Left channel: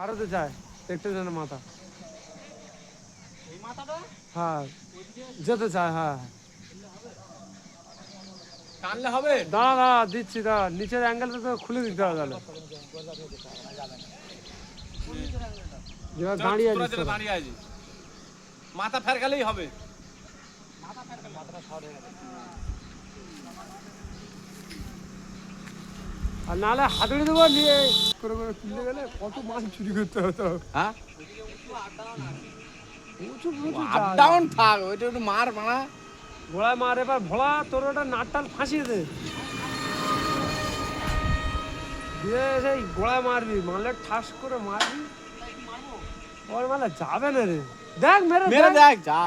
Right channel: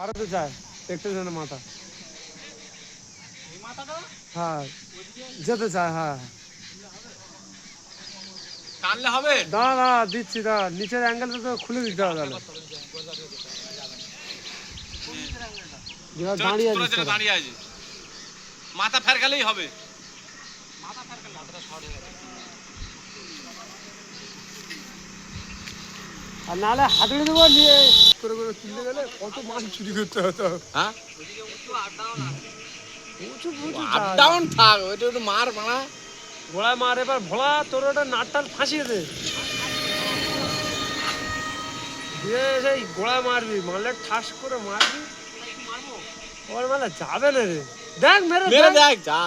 পাড়াতে যায় দেখতে যায় না মাথা হ্যাঁ যেতে চায় হ্যাঁ টানলে হবে দাঁড়া দাঁড়া দিচ্ছি দাঁড়া নিচের অ্যাঙ্গেলটা তো খুলে দিতে হবে দাঁড়িয়ে আছে দাঁড়িয়ে আছে মাথা ফেরকালেই হবে মাথা ফেরকালে মাথাটা শর্ট হয়ে গেল আর নাহলে হাতুড়ি দেবো নিয়ে করে করে তুলতে গেলে কত মাছ চুরি করতে হতো হ্যাঁ আপ ডাউন থাক ওইটা তো মার মারা ঘোড়ায় মার এবার ভোলা তোর ওটা নাট টান ফাঁসিয়ে দে দিয়ে সেই গোড়ায় মারবি মারলে ঠাস করে মারবি ওর মানে যাবে না রে দেখ মেরে দেখ যা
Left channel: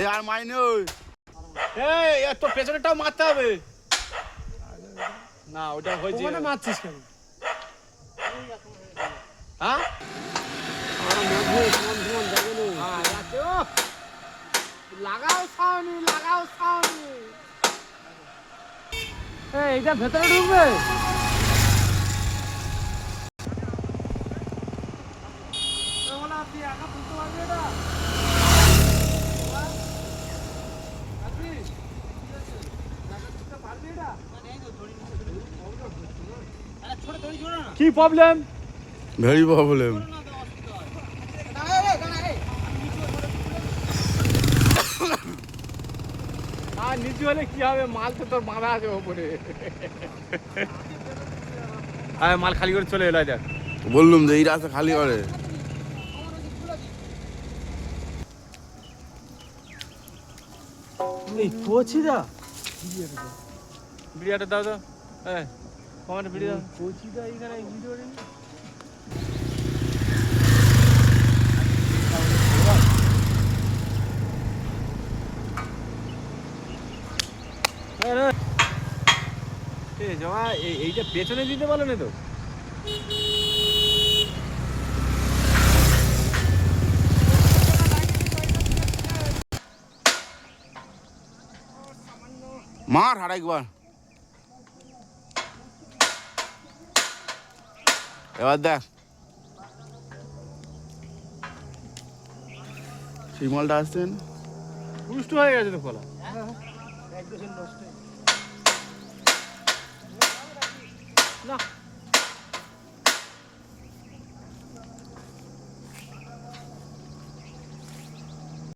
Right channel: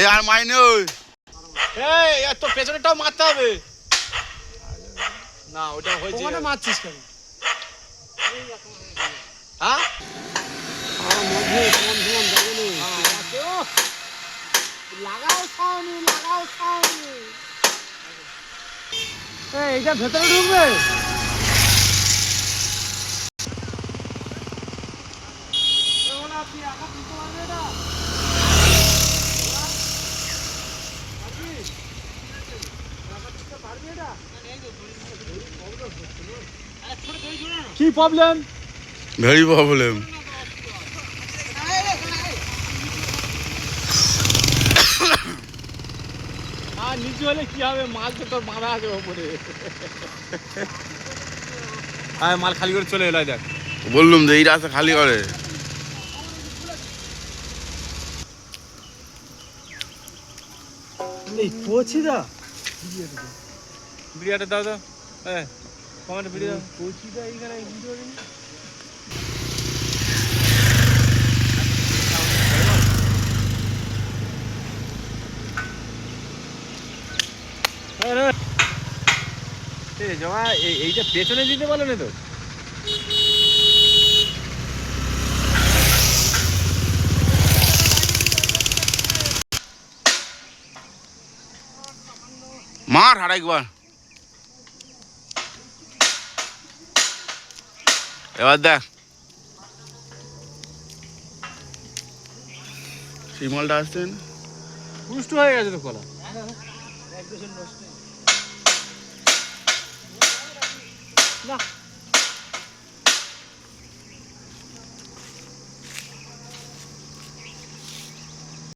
এই আর মাইনে ওই এই তো পেছনেরটাও মারতে হবে না ওটা হয়েছে ওখানে মারছিস কেন হ্যাঁ এইটা ভেতরে ঢুকবে কি প্রবলেম ভেরি প্রবলেম আর নিচে হলে কি হবে মাল তো তোর বাঁধা আছে ওপরে হ্যাঁ মাল খালি করে চলে এলো দেখ বললুম যে এই রাস্তা খালি করে কোচিদা বিরিয়াটা দাও দাও হ্যাঁ কমান্ড বিরিয়া কোচিদা এখানে ভিডিও জমা এইটা পেছনে দিতে পারলো না তো মার আর একবার এবার দেখ সেই মালটা আসছে না পুষ্ট হয়ে গেছে তো কলা না